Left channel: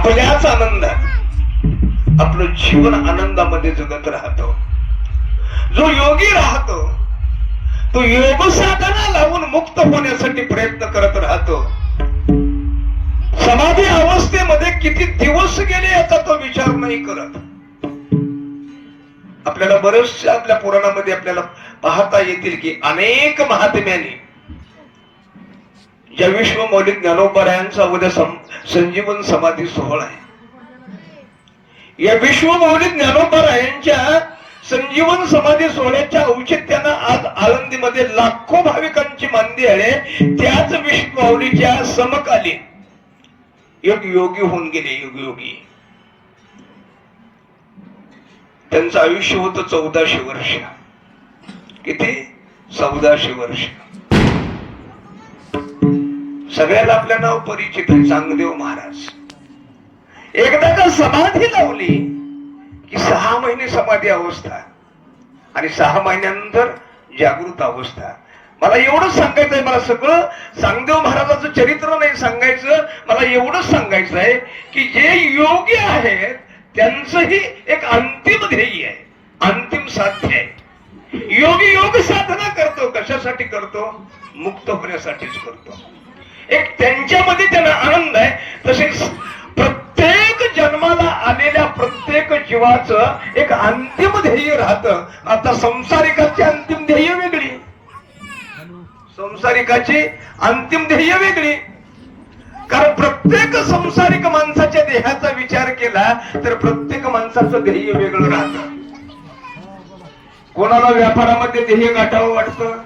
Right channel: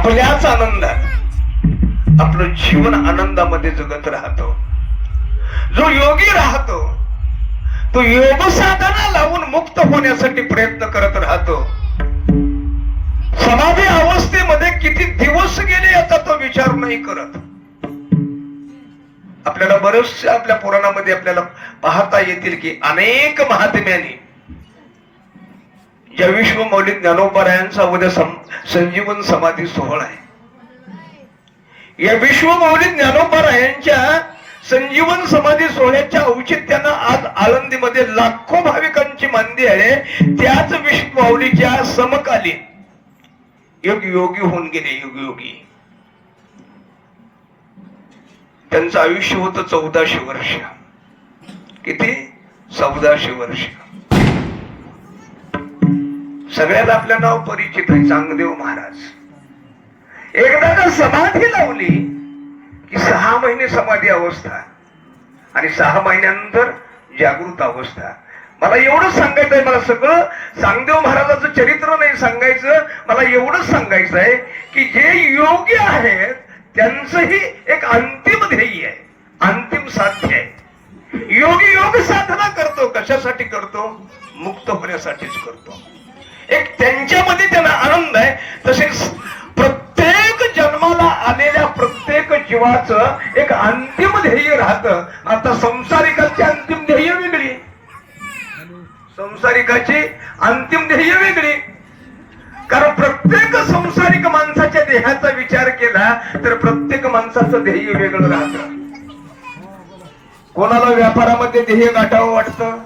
आपल्याच आनंदात आपलं जीवन आनंदामध्ये जगत राहतो. जो योगी राहतो तो योग साधना लावून मुक्त होण्यासाठी प्रयत्न करत राहतो. समाधी अवस्थेमध्ये किती दिवस गेले याचा तो विचार नाही करत. आपल्याला बरेचसे आपल्या पुराणामध्ये आपल्याला पाहता येतील की अनेक महात्म्यांनी ज्या विश्वमौली ज्ञानोबरायांचा उद्या संजीवन समाधी सोहळा आहे, या विश्वमौली ज्ञानोबरायांच्या संजीवन समाधी सोहळ्याच्या औचित्यानं आज आळंदीमध्ये लाखो भाविकांची मांदी आहे. त्याच विश्वमौलीच्या समकालीन एक योगी होऊन गेले. योगी त्यांचं आयुष्य होतं 1400 वर्ष. किती? 1400 वर्ष. सगळ्याला आपलं नाव परिचित आहे, चांगदेव महाराज. एकदा जर समाधी लावली की 6 महिने समाधी अवस्था आणि 6 महिन्यानंतर जागृत अवस्था. मला एवढंच सांगायचं आहे, मला सगळं चांगदेव महाराजाचं चरित्र नाही सांगायचं, मला एवढंच सांगायचं आहे की जे योगी आहेत त्यांचंही एक अंतिम ध्येय आहे, अंतिम साध्य आहे. योगी योग साधना करतो, कशासाठी करतो? मुक्त होण्यासाठीच करतो. एक त्यांच्यामध्ये त्यांना आनंद आहे. तसेच प्रत्येक जन्माला आलेल्या प्रत्येक जीवाचं एक अंतिम ध्येय राहतं. आता संसारिकांची अंतिम ध्येय वेगळी, संसारिकाची अंतिम ध्येय वेगळी. कारण प्रत्येक संसारिक माणसाच्या देहाचा विचार केला तर प्रत्येक माणसाचं ध्येय वेगळं राहतं. कोणाला व्यापारामध्ये ध्येय गाठावं वाटतं,